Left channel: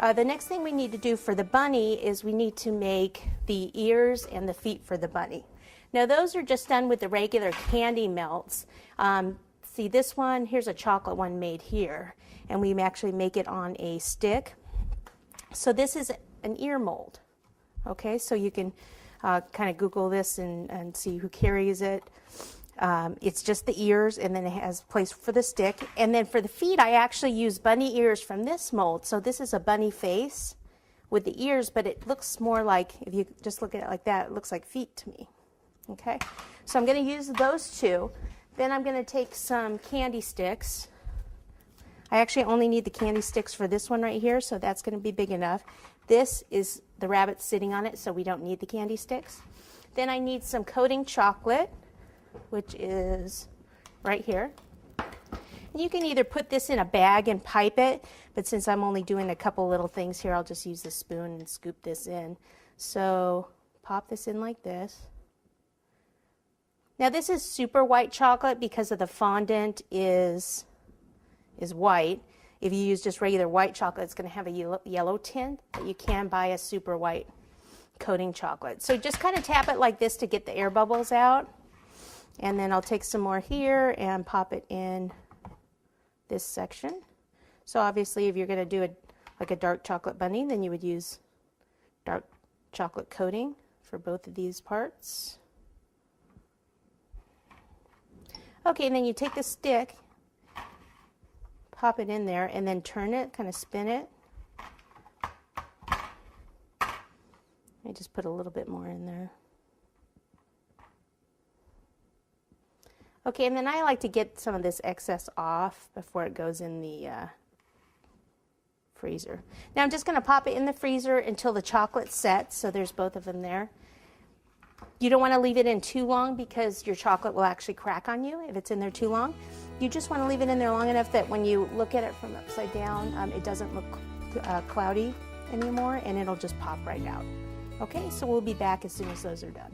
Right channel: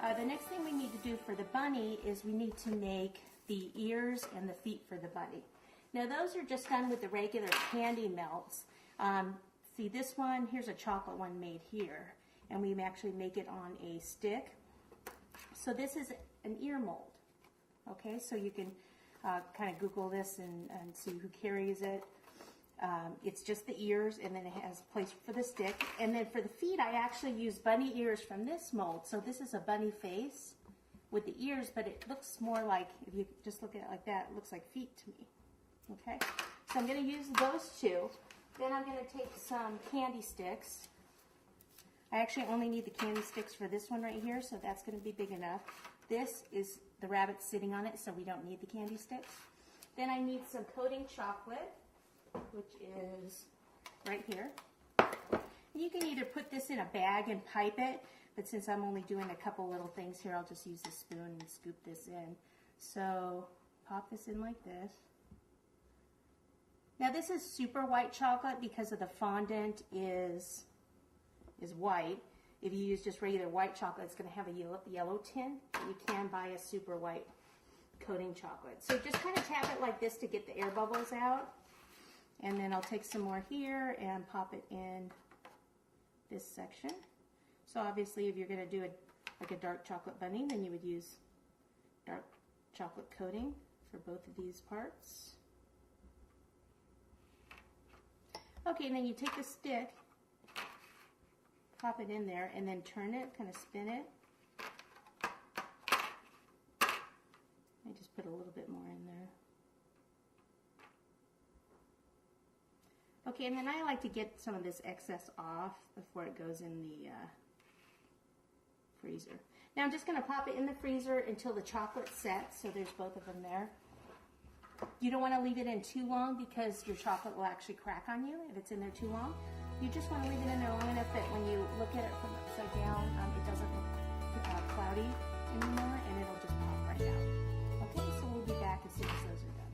The next thing we need to do for the bunny is we need to make the ears and the feet for the bunny. Now those are just done with the regular candy melts. See this one, here's a chocolate one made here, and we actually make it on a stick. So this is an ear mold. Okay, so you can kind of Google this and see who carries it. It's just the ears, and then it has a place for the stick. And then for the feet, I actually use bunny ears from this mold. So this is a bunny face with the ears, but it looks more like, if you just look at it like that, it looks like feet to me. Okay, so I'm going to use those two. Then I'm going to take some candy sticks. I actually only need the candy sticks for this one right here, so that's going to be big enough. This is the rabbit sitting on it, so we don't need the candy sticks. Then I need some coating chocolate, which is right here. And you can either put this in a bag and pipe it, but since I'm only doing a couple little things here, I'll just use the spoon and scoop this in. So pop this in like this. Now this is super white chocolate because of the fondant is white. If you use just regular white chocolate, it's going to have a yellow tint, but you can buy a super white coating chocolate. So just kind of tap it like this to get the air bubbles out. And then I'll take some more here and pop it in this section. So obviously if you're going to do like a dark chocolate bunny, then you would use dark chocolate coating for both of these parts. Okay, and then you take the stick, pop it in there, and then turn it, kind of spin it. I just put a little bit more in there. Okay, and then I like to get some of this excess off before it goes in the freezer. Now I'm just going to pop it in the freezer until the chocolate sets, so there's both of them there. You don't want to leave it in too long because your chocolate will actually crack on you if it's in there too long. You just want to leave it in there long enough that when you look at it from upside down, it doesn't look cloudy anymore, and it'll just pop right out. Okay, so we'll be back as soon as those are done.